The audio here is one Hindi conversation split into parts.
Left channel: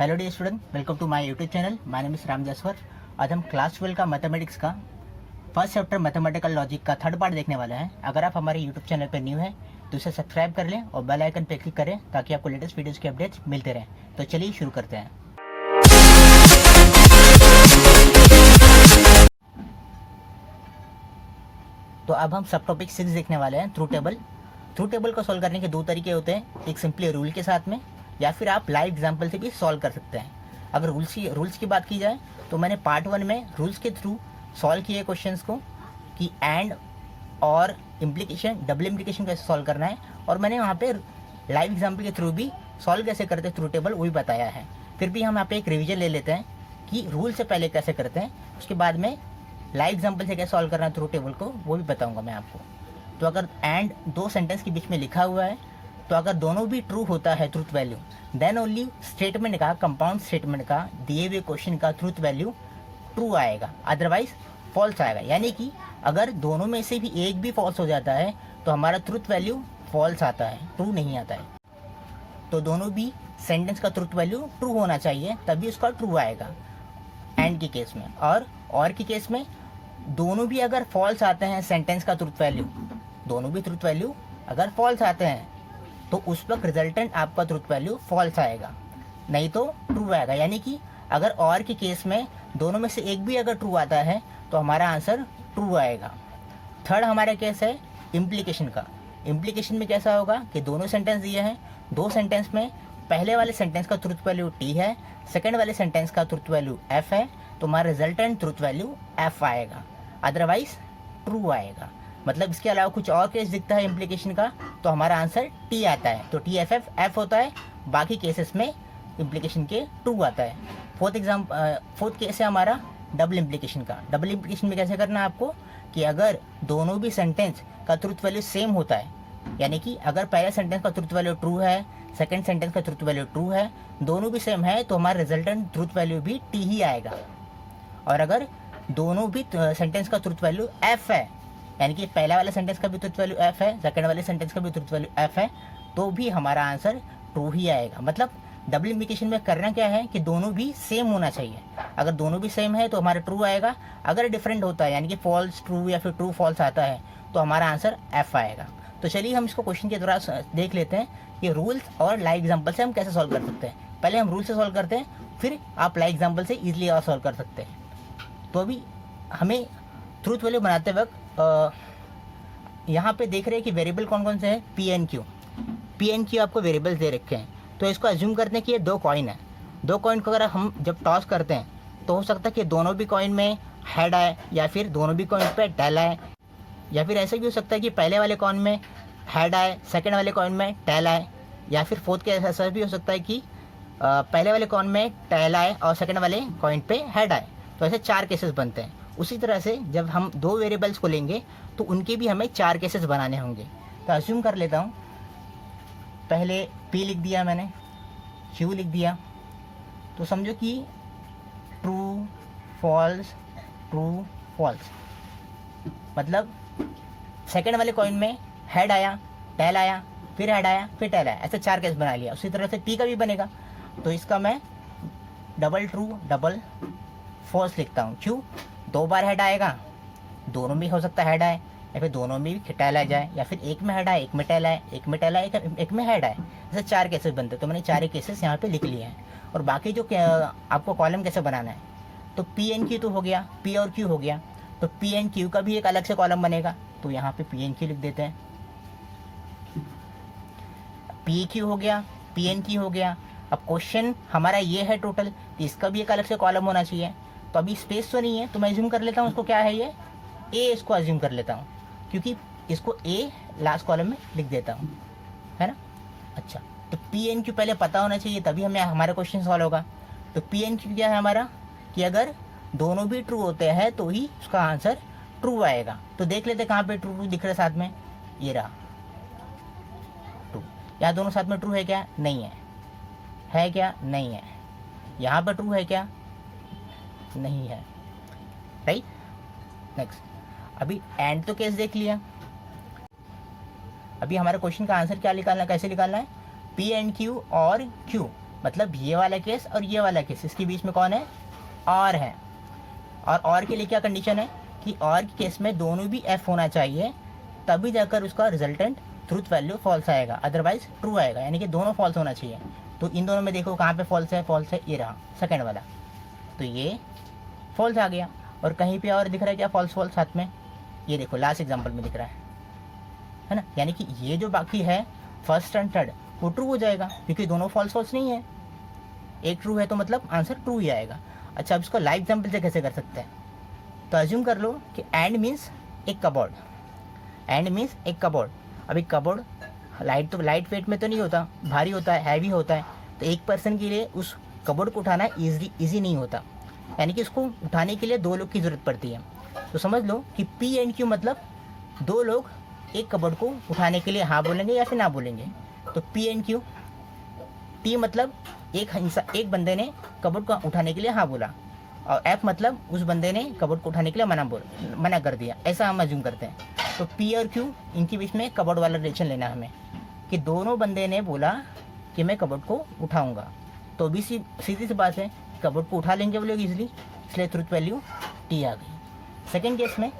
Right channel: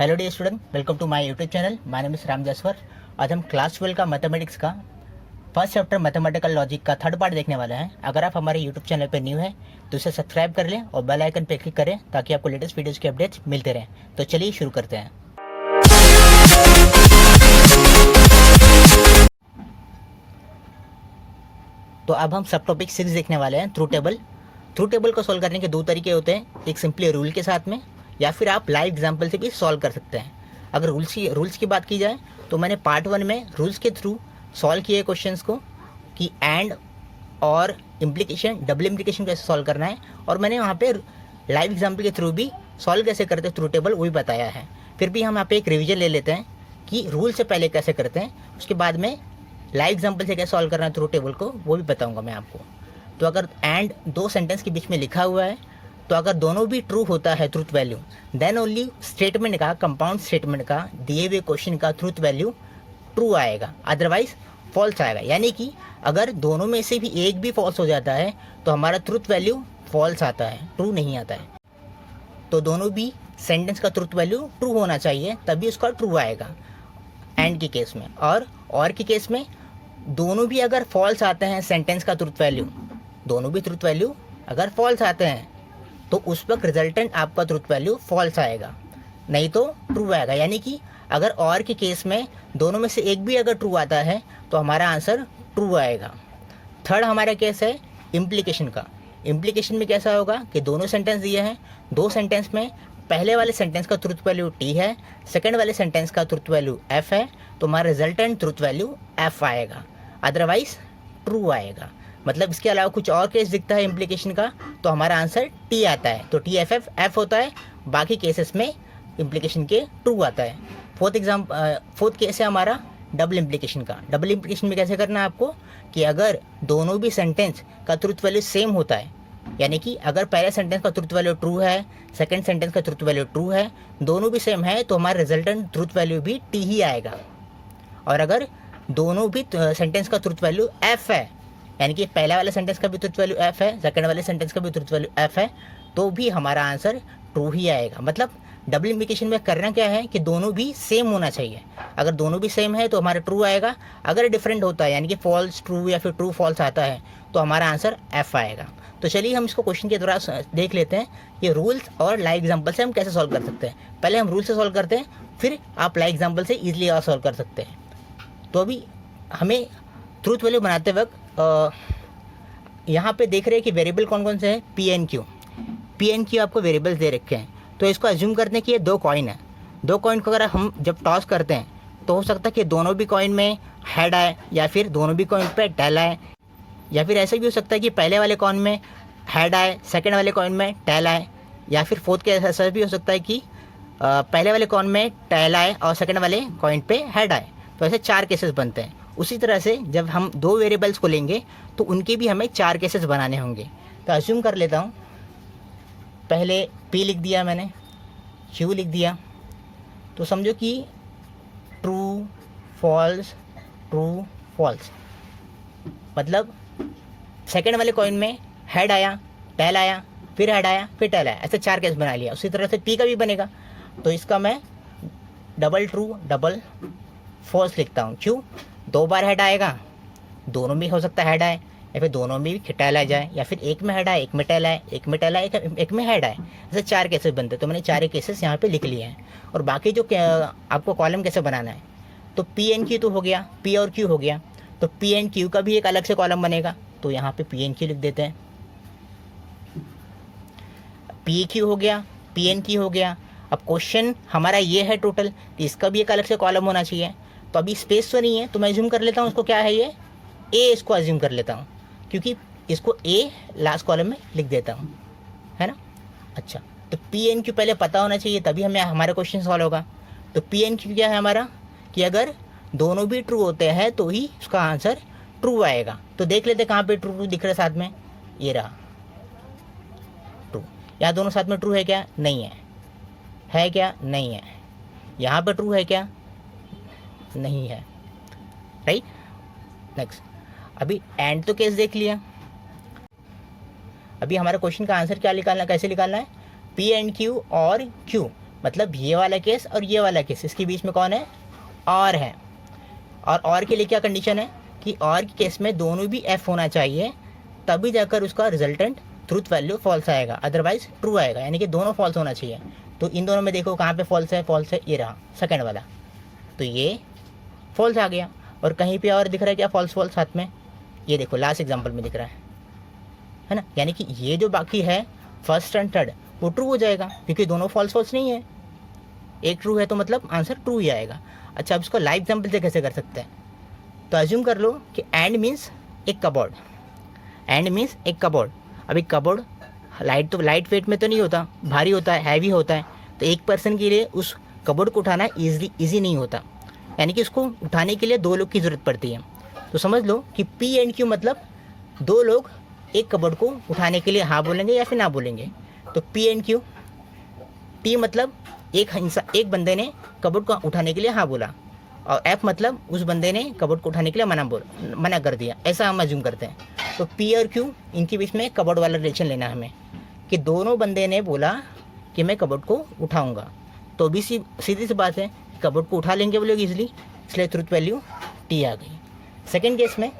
Hello dear student, welcome to my YouTube channel. My name is Ram Jaswar. आज हम क्लास 12 का मैथमेटिक्स का फर्स्ट चैप्टर मैथमेटिकल लॉजिक का थर्ड पार्ट देखने वाले हैं। अगर आप हमारे यूट्यूब चैनल पर न्यू है तो इसे सब्सक्राइब कर लें और बेल आइकन पर क्लिक करें ताकि आपको लेटेस्ट वीडियोज़ के अपडेट्स मिलते रहें। तो चलिए शुरू करते हैं। तो अब हम सब टॉपिक 6 देखने वाले हैं, ट्रू टेबल। ट्रू टेबल को सॉल्व करने के दो तरीके होते हैं, एक सिंपली रूल के साथ में या फिर आप लाइव एग्जाम्पल से भी सॉल्व कर सकते हैं। अगर रूल्स की बात की जाए तो मैंने पार्ट 1 में रूल्स के थ्रू सॉल्व किए क्वेश्चंस को कि एंड और इम्प्लीकेशन, डबल इम्प्लीकेशन कैसे सॉल्व करना है, और मैंने वहाँ पे लाइव एग्जाम्पल के थ्रू भी सॉल्व कैसे करते हैं ट्रू टेबल वो भी बताया है। फिर भी हम यहाँ पे एक रिविजन ले लेते हैं कि रूल से पहले कैसे करते हैं, उसके बाद में लाइव एग्जाम्पल से कैसे सॉल्व करना है ट्रू टेबल को वो भी बताऊँगा मैं आपको। तो अगर एंड दो सेंटेंस के बीच में लिखा हुआ है तो अगर दोनों भी ट्रू होता है truth value, then only statement का, कंपाउंड स्टेटमेंट का, दिए हुए क्वेश्चन का ट्रूथ वैल्यू ट्रू आएगा, अदरवाइज फॉल्स आएगा। यानी कि अगर दोनों में से भी एक भी फॉल्स हो जाता है तो हमारा ट्रूथ वैल्यू फॉल्स आता है, ट्रू नहीं आता है। तो दोनों भी सेंटेंस का ट्रूथ वैल्यू ट्रू होना चाहिए तभी उसका ट्रू आएगा एंड के केस में। और के केस में दोनों भी अगर फॉल्स आते हैं सेंटेंस का ट्रूथ वैल्यू, दोनों भी ट्रूथ वैल्यू अगर फॉल्स आते हैं तो उस वक्त रिजल्टेंट आपका ट्रूथ वैल्यू फॉल्स आएगा, नहीं तो ट्रू आएगा। यानी कि अगर और के केस में दोनों में से एक भी अगर ट्रू आता है तो हमारा आंसर ट्रू आएगा। थर्ड हमारा केस है इम्प्लीकेशन का। इम्प्लीकेशन में कैसा होगा कि दोनों सेंटेंस दिए हैं, दो सेंटेंस में पहले वाले सेंटेंस का ट्रूथ वैल्यू टी है, सेकेंड वाले सेंटेंस का ट्रूथ वैल्यू एफ है, तो हमारा रिजल्टेंट ट्रूथ वैल्यू एफ आएगा, अदरवाइज ट्रू आएगा। मतलब इसके अलावा कुछ और केस दिखता है इम्प्लीकेशन का तो हमारा आंसर टी आता है, तो टी एफ एफ एफ होता है, बाकी केसेस में इम्प्लीकेशन के ट्रू आता है। फोर्थ केस है हमारा डबल इम्प्लीकेशन का। डबल इम्प्लीकेशन में कैसे करना है आपको कि अगर दोनों भी सेंटेंस का ट्रूथ वैल्यू सेम होता है, यानी कि अगर पहले सेंटेंस का ट्रूथ वैल्यू ट्रू है, सेकेंड सेंटेंस का ट्रूथ वैल्यू ट्रू है, दोनों भी सेम है तो हमारा रिजल्टेंट ट्रूथ वैल्यू भी टी ही आएगा। और अगर दोनों भी सेंटेंस का ट्रूथ वैल्यू एफ है, यानी कि पहला वाले सेंटेंस का भी ट्रूथ वैल्यू एफ है, सेकंड वाले सेंटेंस का भी ट्रूथ वैल्यू एफ है, तो भी हमारा आंसर ट्रू ही आएगा। मतलब डबल इम्प्लीकेशन में करना क्या है कि दोनों भी सेम होना चाहिए। अगर दोनों भी सेम है तो हमारा ट्रू आएगा, अगर डिफरेंट होता है यानी कि फॉल्स ट्रू या फिर ट्रू फॉल्स आता है तो हमारा आंसर एफ आएगा। तो चलिए हम इसको क्वेश्चन के द्वारा देख लेते हैं ये रूल्स और लाइव एग्जाम्पल से हम कैसे सॉल्व कर सकते हैं। पहले हम रूल से सॉल्व करते हैं, फिर आप लाइव एग्जाम्पल से ईजिली और सॉल्व कर सकते हैं। तो अभी हमें ट्रूथ वैल्यू बनाते वक्त यहाँ पे देख रहे हैं कि वेरिएबल कौन कौन से हैं, पी एन क्यू आपको वेरिएबल्स दे रखे हैं। तो इसको अज्यूम करते हैं कि ये दो कॉइन है। दो कॉइन को अगर हम जब टॉस करते हैं तो हो सकता है कि दोनों भी कॉइन में हेड आए या फिर दोनों भी कॉइन पे टेल आए, या फिर ऐसा भी हो सकता है कि पहले वाले कॉइन में हेड आए, सेकेंड वाले कॉइन में टेल आए, या फिर फोर्थ केस ऐसा भी हो सकता है कि पहले वाले कॉइन में टेल आए और सेकेंड वाले कॉइन पे हेड आए। तो ऐसे 4 केसेस बनते हैं। उसी तरह से जब हम दो वेरिएबल्स को लेंगे तो उनके भी हमें 4 केसेस बनाने होंगे। तो अज्यूम कर लेता हूँ, पहले P लिख दिया मैंने, Q लिख दिया, तो समझो कि ट्रू फॉल्स, मतलब सेकेंड वाले कॉइन में हेड आया, टेल आया, फिर हेड आया, फिर टेल आया, ऐसे 4 केस बना लिया। उसी तरह से P का भी बनेगा, तो इसका मैं डबल ट्रू डबल फॉल्स लिखता हूँ। क्यों? 2 बार हेड आएगा, दोनों में हो सकता है हेड आए, या फिर दोनों में भी टेल आ जाए, या फिर एक में हेड आए, एक में टेल आए, एक में टेल आए, एक में हेड आए, ऐसे 4 केसेस बनते हैं। तो मैंने 4 केसेस यहाँ पे लिख लिए हैं। और बाकी जो आपको कॉलम कैसे बनाना है, तो पी एन क्यू तो हो गया, पी और क्यू हो गया, तो पी एन क्यू का भी एक अलग से कॉलम बनेगा। तो यहाँ पे पी एन क्यू लिख देते हैं, पी क्यू हो गया, पी एन क्यू हो गया। अब क्वेश्चन हमारा ये है टोटल, तो इसका भी एक अलग से कॉलम होना चाहिए। तो अभी स्पेस तो नहीं है तो मैं अज्यूम कर लेता हूँ उसको क्या है, ये ए, इसको अज्यूम कर लेता हूँ क्योंकि इसको ए लास्ट कॉलम में लिख देता हूँ, है ना। अच्छा, तो पी एन क्यू पहले पता होना चाहिए तभी हमें हमारा क्वेश्चन सॉल्व होगा। तो पी एन क्यू क्या है हमारा कि अगर दोनों भी ट्रू होते हैं तो ही उसका आंसर ट्रू आएगा। तो देख लेते कहाँ पे ट्रू दिख रहा है साथ में, ये रहा ट्रू। यहाँ दोनों साथ में ट्रू है क्या? नहीं है क्या? नहीं है। यहाँ पर ट्रू है क्या? नहीं है, राइट। नेक्स्ट, अभी एंड तो केस देख लिया। अभी हमारे क्वेश्चन का आंसर क्या निकालना, कैसे निकालना है, पी एंड क्यू और क्यू मतलब ये वाला केस और ये वाला केस, इसके बीच में कौन है, और है। और के लिए क्या कंडीशन है कि और के केस में दोनों भी एफ होना चाहिए, तभी जाकर उसका रिजल्टेंट ट्रूथ वैल्यू फॉल्स आएगा, अदरवाइज ट्रू आएगा, यानी कि दोनों फॉल्स होना चाहिए। तो इन दोनों में देखो कहाँ पे फॉल्स है, फॉल्स है ये रहा सेकंड वाला, तो ये फॉल्स आ गया। और कहीं पे और दिख रहा है क्या, फॉल्स फॉल्स साथ में, ये देखो लास्ट एग्जाम्पल में दिख रहा है ना, यानी कि ये जो बाकी है फर्स्ट एंड थर्ड वो ट्रू हो जाएगा, क्योंकि दोनों फॉल्स फॉल्स नहीं है, एक ट्रू है तो मतलब आंसर ट्रू ही आएगा। अच्छा, अब इसको लाइव एग्जाम्पल से कैसे कर सकते हैं, तो अज्यूम कर लो कि एंड मीन्स एक कबोर्ड, एंड मीन्स एक कबोर्ड। अभी कबोर्ड लाइट वेट में तो नहीं होता, भारी होता है, हैवी होता है, तो एक पर्सन के लिए उस कबोर्ड को उठाना ईजी नहीं होता, यानी कि उसको उठाने के लिए दो लोग की ज़रूरत पड़ती है। तो समझ लो कि पी एंड क्यू मतलब दो लोग एक कबोर्ड को उठाने के लिए हाँ बोलेंगे या फिर ना बोलेंगे, तो पी एंड क्यू। टी मतलब एक बंदे ने कबोर्ड को उठाने के लिए हाँ बोला, और एफ मतलब उस बंदे ने कबोर्ड को उठाने के लिए मना कर दिया, ऐसा हम अज्यूम करते हैं। तो पी और क्यू इनके बीच में कबोर्ड वाला रिलेशन लेना है हमें, कि दोनों बंदे ने बोला कि मैं कबोर्ड को उठाऊंगा, तो भी सीधी सी बात है, कबोर्ड को उठा लेंगे वो लोग इजीली, इसलिए ट्रुथ वैल्यू टी आ गई। सेकेंड केस में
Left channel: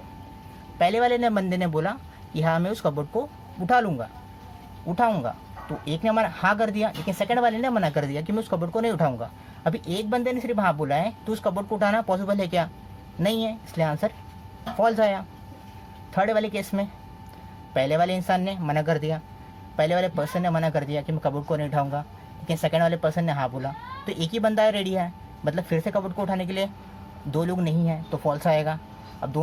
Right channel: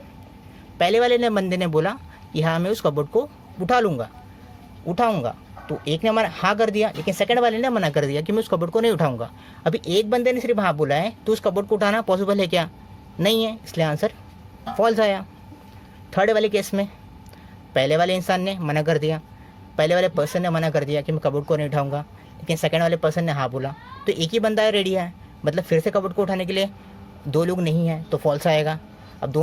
पहले वाले ने बंदे ने बोला कि हाँ मैं उस कबोर्ड को उठाऊंगा, तो एक ने हाँ कर दिया, लेकिन सेकंड वाले ने मना कर दिया कि मैं उस कबोर्ड को नहीं उठाऊंगा। अभी एक बंदे ने सिर्फ हाँ बोला है, तो उस कबोर्ड को उठाना पॉसिबल है क्या, नहीं है, इसलिए आंसर फॉल्स आया। थर्ड वाले केस में पहले वाले इंसान ने मना कर दिया, पहले वाले पर्सन ने मना कर दिया कि मैं कबोर्ड को नहीं उठाऊंगा, लेकिन सेकंड वाले पर्सन ने हाँ बोला, तो एक ही बंदा रेडी है, मतलब फिर से कबोर्ड को उठाने के लिए दो लोग नहीं हैं, तो फॉल्स आएगा। अब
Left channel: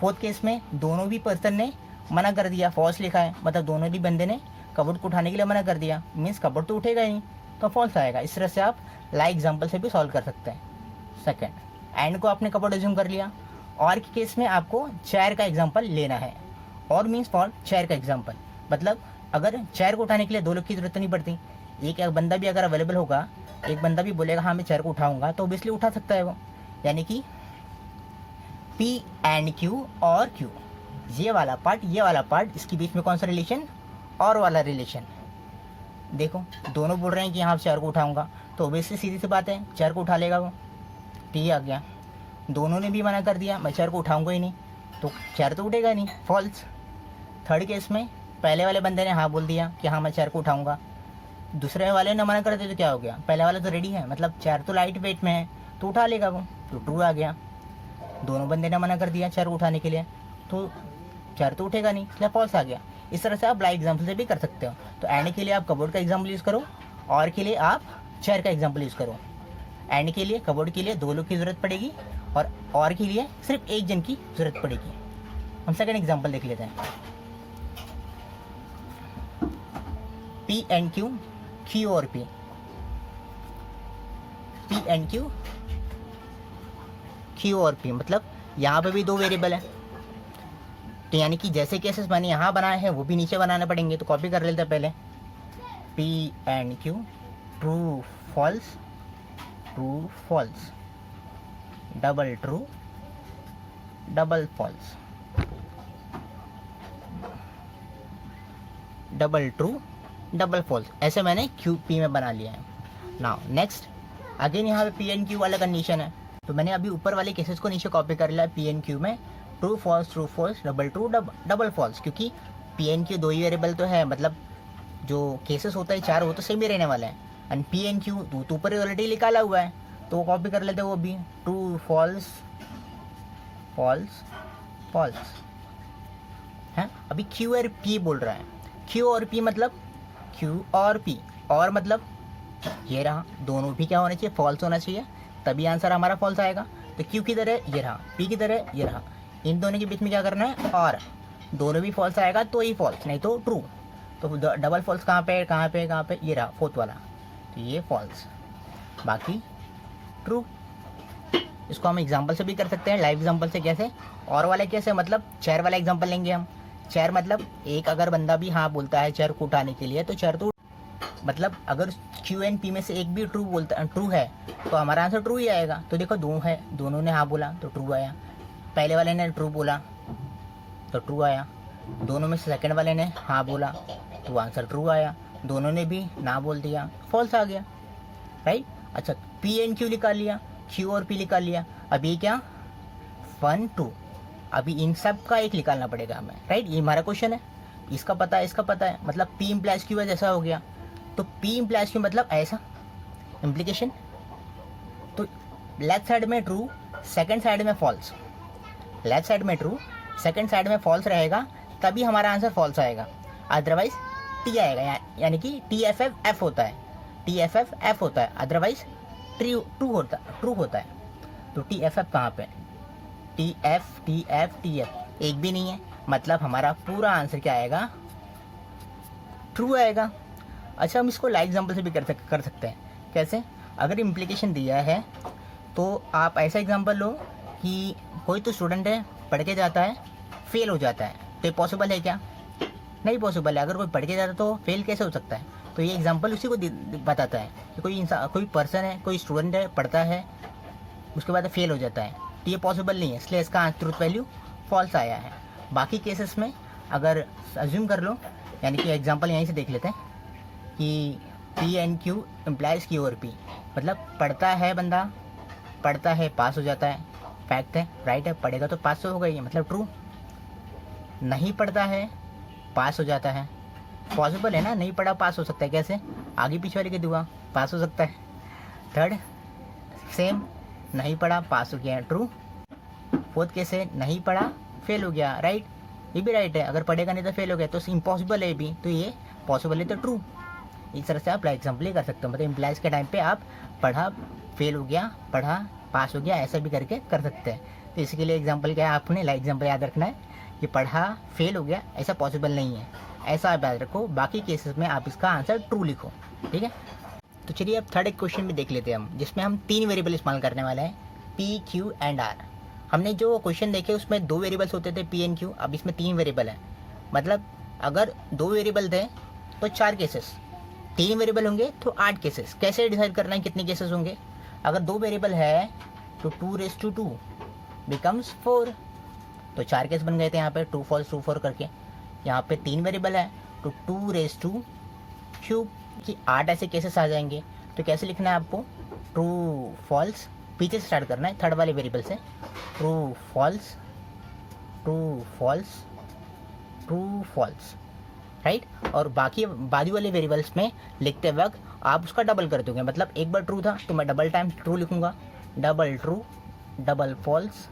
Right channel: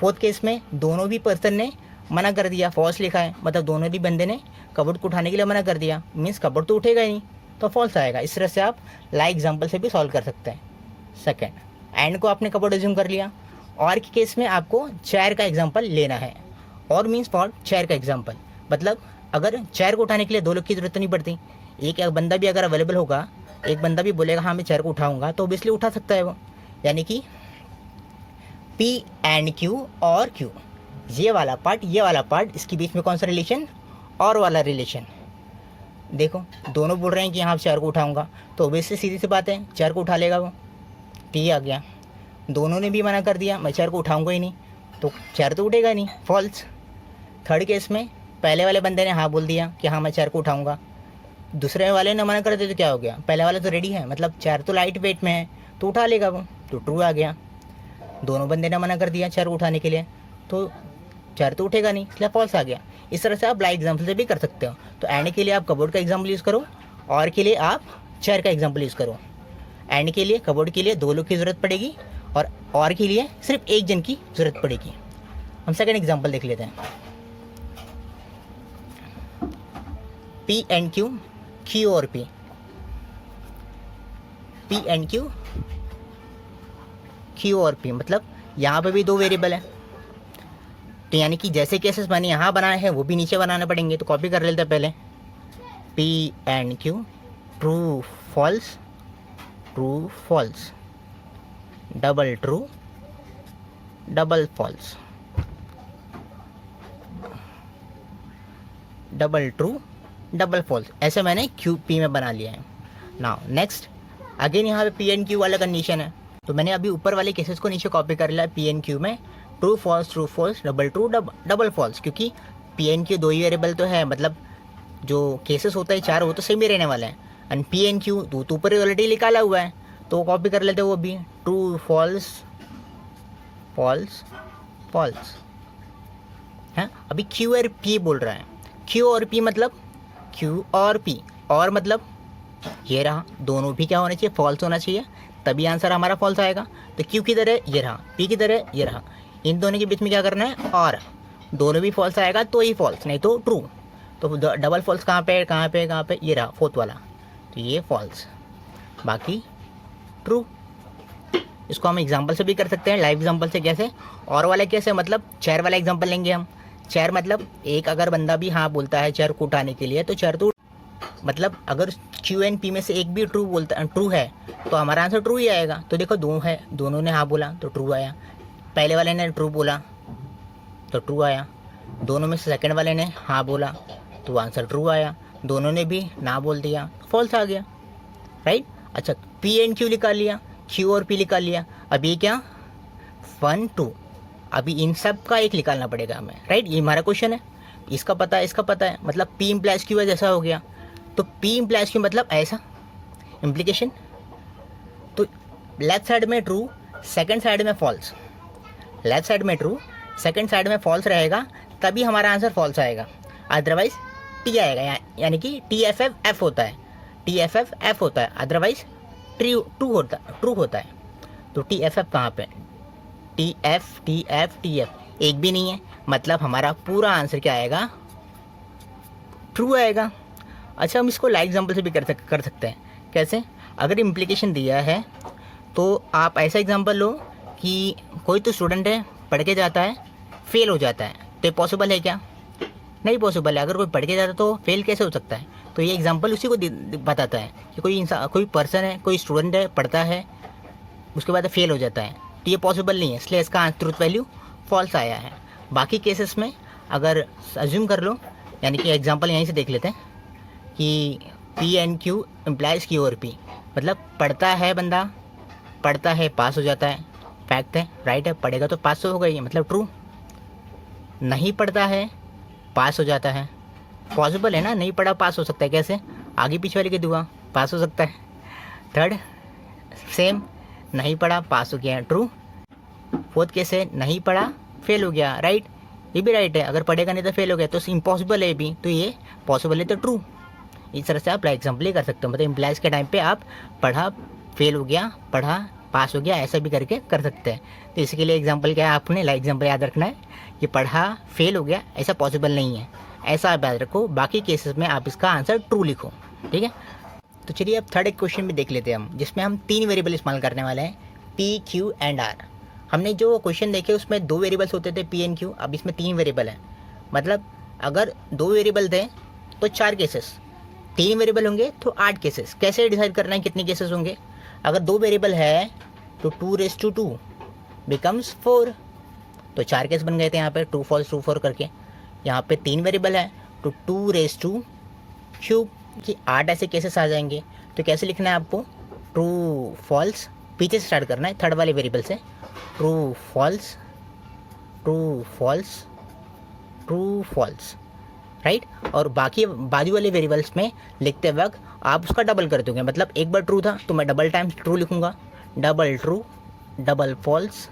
फोर्थ केस में दोनों भी पर्सन ने मना कर दिया, फॉल्स लिखा है, मतलब दोनों भी बंदे ने कबोर्ड को उठाने के लिए मना कर दिया, मीन्स कबोर्ड तो उठेगा ही नहीं, तो फॉल्स आएगा। इस तरह से आप लाइक एग्जाम्पल से भी सॉल्व कर सकते हैं। सेकेंड, एंड को आपने कबोर्ड एज्यूम कर लिया, और के केस में आपको चेयर का एग्जाम्पल लेना है, और मीन्स फॉर चेयर का एग्जाम्पल, मतलब अगर चेयर को उठाने के लिए दो लोग की जरूरत नहीं पड़ती, एक बंदा भी अगर अवेलेबल होगा, एक बंदा भी बोलेगा हाँ मैं चेयर को उठाऊंगा, तो ऑब्वियसली उठा सकता है वो, यानी कि पी एंड क्यू और क्यू, ये वाला पार्ट इसके बीच में कौन सा रिलेशन, और वाला रिलेशन। देखो दोनों बोल रहे हैं कि हाँ चेयर को उठाऊंगा, तो ऑब्वियसली सीधी सी बात है चेयर को उठा लेगा वो, टी आ गया। दोनों ने भी मना कर दिया मैं चेयर को उठाऊंगा ही नहीं, तो चेयर तो उठेगा नहीं, फॉल्स। थर्ड केस में पहले वाले बंदे ने हाँ बोल दिया कि हाँ मैं चेयर को उठाऊंगा, दूसरे वाले ने मना कर दिया, तो क्या हो गया, पहले वाला तो रेडी है, मतलब चेयर तो लाइट वेट में है, तो उठा लेगा वो, तो ट्रू आ गया। दोनों बंदे ने मना कर दिया चेयर उठाने के लिए, तो चेयर तो उठेगा नहीं, इसलिए फॉल्स आ गया। इस तरह से आप लाइव एग्जाम्पल से भी कर सकते हो। तो एंड के लिए आप कबोर्ड का एग्जाम्पल यूज़ करो, और के लिए आप चेयर का एग्जाम्पल यूज़ करो। एंड के लिए कबोर्ड के लिए दो लोग की ज़रूरत पड़ेगी, और के लिए सिर्फ एक जन की ज़रूरत पड़ेगी। हम सेकंड एग्जाम्पल देख लेते हैं, पी एंड क्यू, क्यू और पी एंड क्यू, क्यू और पी, मतलब यहाँ पे भी दो वेरिएबल है, तो यानी कि जैसे केसेस मैंने यहाँ बनाए हैं वो भी नीचे बनाने पड़ेंगे, तो कॉपी कर लेते हैं पहले, P and Q, true false, double true, double false, double true, double false, ऐसे मैंने क्यू पी में बना लिया है। नाउ नेक्स्ट, अगेन यहाँ पे पी एंड क्यू वाला कंडीशन है, तो मैंने अभी ऊपर वाले केसेस को नीचे कॉपी कर लिया, पी एंड क्यू में true false, double true, double false, क्योंकि पी एंड क्यू दो ही वेरिएबल तो है, मतलब जो केसेस होता है चार वो तो सेम ही रहने वाले हैं, एंड पी एंड क्यू तो ऊपर ऑलरेडी निकाला हुआ है, तो वो कॉपी कर लेते हैं वो भी, ट्रू फॉल्स फॉल्स है। अभी क्यू और पी बोल रहा है, क्यू और पी मतलब क्यू और पी, और मतलब ये रहा, दोनों भी क्या होना चाहिए, फॉल्स होना चाहिए, तभी आंसर हमारा फॉल्स आएगा। तो क्यू की तरह ये रहा, पी की तरह ये रहा, इन दोनों के बीच में क्या करना है, और दोनों भी फॉल्स आएगा तो ही फॉल्स, नहीं तो ट्रू। तो डबल फॉल्स कहाँ पे, ये रहा फोर्थ वाला, तो ये फॉल्स, बाकी ट्रू। इसको हम एग्जांपल से भी कर सकते हैं, लाइव एग्जांपल से। कैसे, और वाला कैसे, मतलब चेयर वाला एग्जांपल लेंगे हम। चेयर मतलब एक अगर बंदा भी हाँ बोलता है चेयर को उठाने के लिए, तो चेयर तो, मतलब अगर क्यू एंड पी में से एक भी ट्रू है तो हमारा आंसर ट्रू ही आएगा। तो देखो दोनों ने हाँ बोला तो ट्रू आया, पहले वाले ने ट्रू बोला तो ट्रू आया, दोनों में से सेकंड वाले ने हाँ बोला तो आंसर ट्रू आया, दोनों ने भी ना बोल दिया, फॉल्स आ गया। राइट। अच्छा, पी एंड क्यू निकाल लिया, क्यू और पी निकाल लिया। अब ये क्या 1 2, अभी इन सब का एक निकालना पड़ेगा हमें, राइट। ये हमारा क्वेश्चन है, इसका पता है, इसका पता है, मतलब पी इम्प्लाइज क्यू जैसा हो गया। तो पी इम्प्लाइज क्यू मतलब ऐसा इम्प्लीकेशन, तो लेफ्ट साइड में ट्रू, सेकंड साइड में फॉल्स। लेफ्ट साइड में ट्रू, सेकंड साइड में फॉल्स रहेगा, तभी हमारा आंसर फॉल्स आएगा, अदरवाइज टी आएगा। यानी कि टी एफ एफ एफ होता है, टी एफ एफ एफ होता है, अदरवाइज ट्रू होता है। तो टी एफ एफ कहाँ पे, टी एफ एक भी नहीं है, मतलब हमारा पूरा आंसर क्या आएगा, ट्रू आएगा। अच्छा, हम इसको लाइव एग्जांपल से भी कर सकते हैं। कैसे, अगर इम्प्लीकेशन दिया है तो आप ऐसा एग्जांपल लो कि कोई तो स्टूडेंट है, पढ़ के जाता है, फेल हो जाता है, तो ये पॉसिबल है क्या, नहीं पॉसिबल है। अगर कोई पढ़ के जाता है तो फेल कैसे हो सकता है, तो ये एग्जांपल उसी को बताता है कि कोई इंसान, कोई पर्सन है, कोई स्टूडेंट है, पढ़ता है, उसके बाद फेल हो जाता है, तो ये पॉसिबल नहीं है, इसलिए इसका ट्रूथ वैल्यू फॉल्स आया है। बाकी केसेस में अगर अज्यूम कर लो, यानी कि एग्जांपल यहीं से देख लेते हैं कि P and Q implies Q और पी, मतलब पढ़ता है बंदा, पढ़ता है पास हो जाता है, फैक्ट है, राइट है, पढ़ेगा तो पास तो होगा ही, मतलब ट्रू। नहीं पढ़ता है पास हो जाता है, पॉसिबल है ना, नहीं पढ़ा पास हो सकता है, कैसे, आगे पीछे वाले की दुआ, पास हो सकता है। थर्ड सेम, नहीं पढ़ा पास हो गया, ट्रू। फोर्थ केस है, नहीं पढ़ा फेल हो गया, राइट, ये भी राइट है, अगर पढ़ेगा नहीं तो फेल हो गया, तो इम्पॉसिबल है भी, तो ये पॉसिबल है तो ट्रू। इस तरह से आप एग्जाम्पल ही कर सकते हो, मतलब इम्प्लाइज के टाइम पे आप पढ़ा फेल हो गया, पढ़ा पास हो गया, ऐसा भी करके कर सकते हैं। तो इसके लिए एग्जाम्पल क्या है, आपने लाइक एग्जाम्पल याद रखना है कि पढ़ा फेल हो गया, ऐसा पॉसिबल नहीं है, ऐसा आप याद रखो। बाकी केसेस में आप इसका आंसर ट्रू लिखो, ठीक है। तो चलिए अब थर्ड एक क्वेश्चन भी देख लेते हैं हम, जिसमें हम 3 वेरिएबल इस्तेमाल करने वाले हैं, पी क्यू एंड आर। हमने जो क्वेश्चन देखे उसमें 2 वेरिएबल्स होते थे, पी एंड क्यू, अब इसमें 3 वेरिएबल है। मतलब अगर 2 वेरिएबल थे तो 4 केसेस, 3 वेरिएबल होंगे तो 8 केसेस। कैसे डिसाइड करना है कितने केसेस होंगे, अगर 2 वेरिएबल है तो 2 बिकम्स 4, तो 4 केस बन गए थे यहाँ पे, ट्रू फॉल्स करके। यहाँ पे 3 वेरिएबल है तो 2 क्यूब कि 8 ऐसे केसेस आ जाएंगे। तो कैसे लिखना है आपको, ट्रू फॉल्स, पीछे से स्टार्ट करना है, थर्ड वाले वेरिएबल से, ट्रू फॉल्स राइट। और बाकी बाजू वाले वेरिएबल्स में लिखते वक्त आप उसका डबल कर दोगे, मतलब एक बार ट्रू था तो मैं डबल टाइम्स ट्रू लिखूंगा, double true, double false,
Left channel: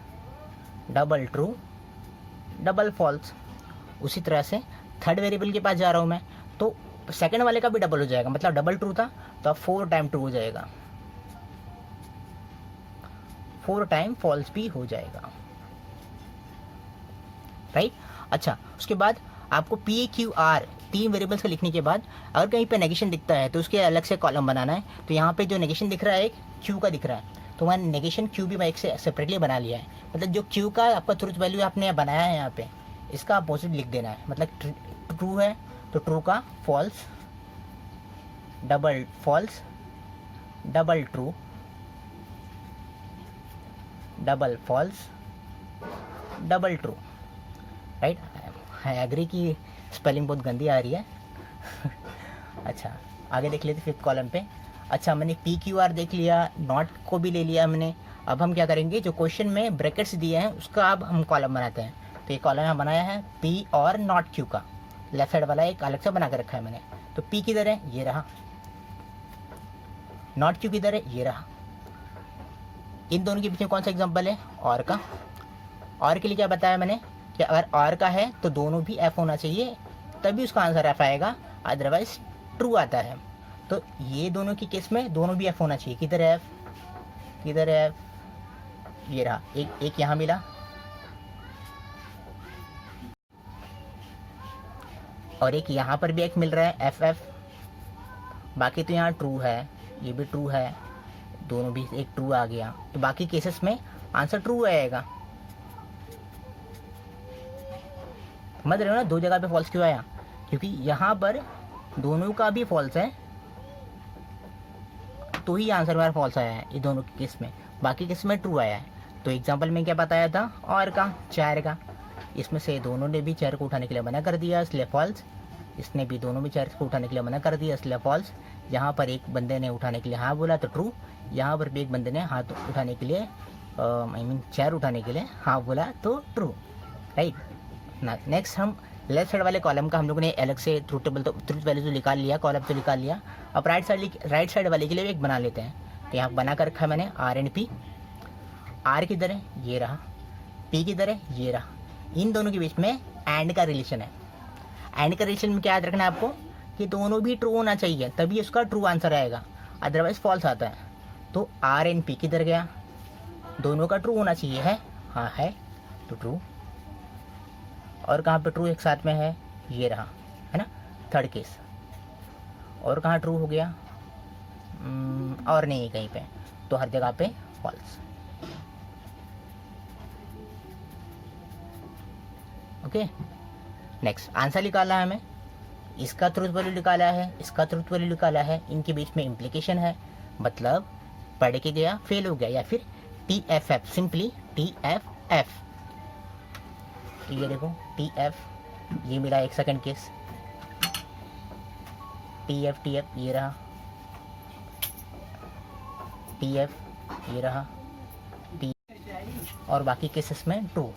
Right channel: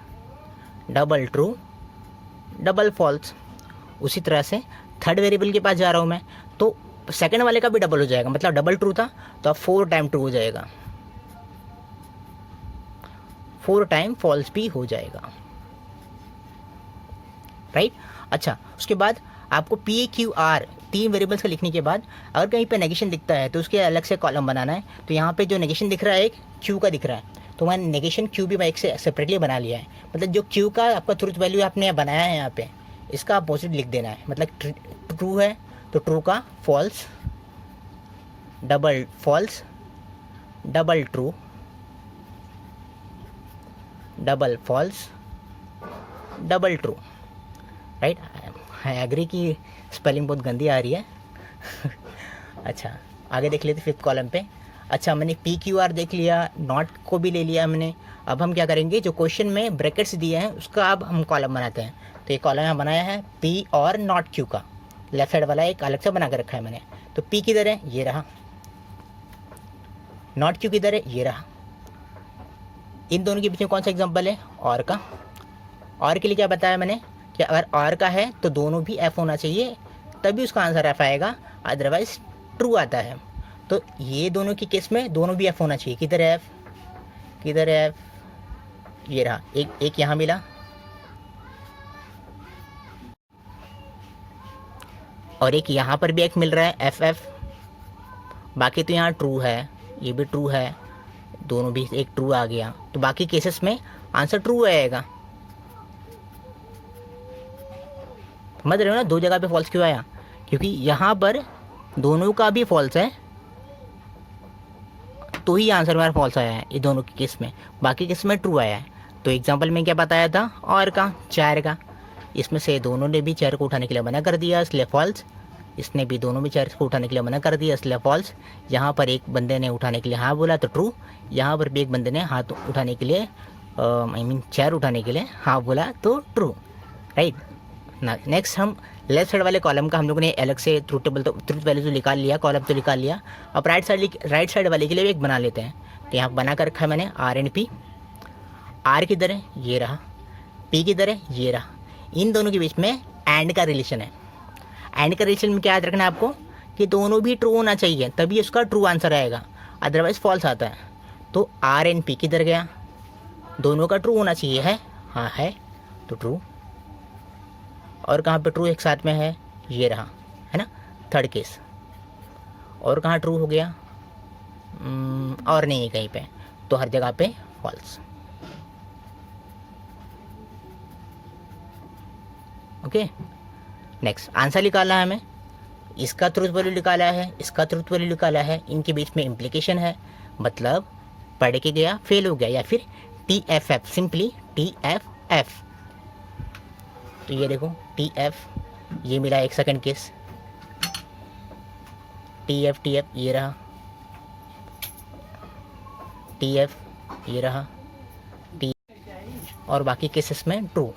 double true, double false. उसी तरह से थर्ड वेरिएबल के पास जा रहा हूँ मैं, तो सेकंड वाले का भी डबल हो जाएगा, मतलब डबल ट्रू था तो अब 4 टाइम ट्रू हो जाएगा, 4 टाइम फॉल्स भी हो जाएगा, राइट। अच्छा, उसके बाद आपको पी क्यू आर 3 वेरिएबल्स का लिखने के बाद अगर कहीं पे नेगेशन दिखता है तो उसके अलग से कॉलम बनाना है। तो यहाँ पे जो नेगेशन दिख रहा है एक क्यू का दिख रहा है, तो मैंने नेगेशन क्यू भी मैं एक से सेपरेटली बना लिया है। मतलब जो क्यू का आपका ट्रूथ वैल्यू आपने बनाया है यहाँ पे, इसका अपोजिट लिख देना है। मतलब ट्रू है तो ट्रू का false, double false, double true, double false, double true, right. I agree की स्पेलिंग बहुत गंदी आ रही है अच्छा, आगे देख लेते 5th कॉलम पे। अच्छा, मैंने पी क्यू आर देख लिया, नॉट को भी ले लिया हमने। अब हम क्या करेंगे, जो क्वेश्चन में ब्रैकेट्स दिए हैं उसका अब हम कॉलम बनाते हैं। तो ये कॉलम यहाँ बनाया है पी और नॉट क्यू का, लेफ्ट साइड वाला एक अलग से बना कर रखा है मैंने। तो पी किधर है, ये रहा, नॉट क्यू किधर है, ये रहा। इन दोनों के बीच में कौन सा एग्जाम्पल है, और का। और के लिए क्या बताया मैंने कि अगर और का है तो दोनों भी एफ होना चाहिए, तभी उसका आंसर एफ आएगा, अदरवाइज ट्रू आता है। तो ये दोनों की केस में दोनों भी एफ होना चाहिए। किधर है एफ, किधर है एफ, ये रहा, एक यहाँ मिला और एक यहाँ पर भी एक मिल रहा है एफ एफ। बाकी तो यहाँ ट्रू है, ये भी ट्रू है, दोनों भी एक ट्रू आ गया, तो बाकी केसेस में आंसर ट्रू आएगा। समझ रहे हो ना, 2 जगह पे फॉल्स क्यों आया, क्योंकि यहाँ पर दोनों का भी फॉल्स है तो ही आंसर मेरा फॉल्स आया है ये दोनों के केस में, बाकी केस में ट्रू आया है। तो एग्जांपल में क्या बताया था, और का 4 का, इसमें से दोनों ने भी 4 को उठाने के लिए मना कर दिया, इसलिए फॉल्स, इसने भी दोनों भी चेयर्स को उठाने के लिए मना कर दिया, इसलिए फॉल्स। यहाँ पर एक बंदे ने उठाने के लिए हाँ बोला तो ट्रू। यहाँ पर भी एक बंदे ने हाथ उठाने के लिए चेयर उठाने के लिए हाँ बोला तो ट्रू, राइट ना। नेक्स्ट हम लेफ्ट साइड वाले कॉलम का हम लोगों ने अलग से ट्रूथ टेबल तो ट्रूथ वैल्यू तो निकाल लिया, कॉलम तो निकाल लिया। अब राइट साइड वाले के लिए भी एक बना लेते हैं। तो यहाँ बना कर रखा है मैंने आर एंड पी। आर किधर है, ये रहा। पी किधर है, ये रहा। इन दोनों के बीच में एंड का रिलेशन है। एंड का रिलेशन में क्या याद रखना है आपको कि दोनों भी ट्रू होना चाहिए, तभी उसका ट्रू आंसर आएगा, अदरवाइज फॉल्स आता है। तो आर एंड पी किधर गया, दोनों का ट्रू होना चाहिए, है हाँ है तो ट्रू। और कहाँ पे ट्रू एक साथ में है, ये रहा, है ना, थर्ड केस। और कहाँ ट्रू हो गया, और नहीं है कहीं पे, तो हर जगह पे फॉल्स। ओके, नेक्स्ट आंसर निकालना है हमें। इसका ट्रूथ वैल्यू निकाला है, इसका ट्रूथ वैल्यू निकाला है, इनके बीच में इम्प्लीकेशन है, मतलब पढ़ के गया फेल हो गया, या फिर TFF, सिंपली TFF। तो ये देखो TF, ये मिला एक सेकंड केस, TF ये रहा, TF ये रहा, T, और बाकी केसेस में ट्रू।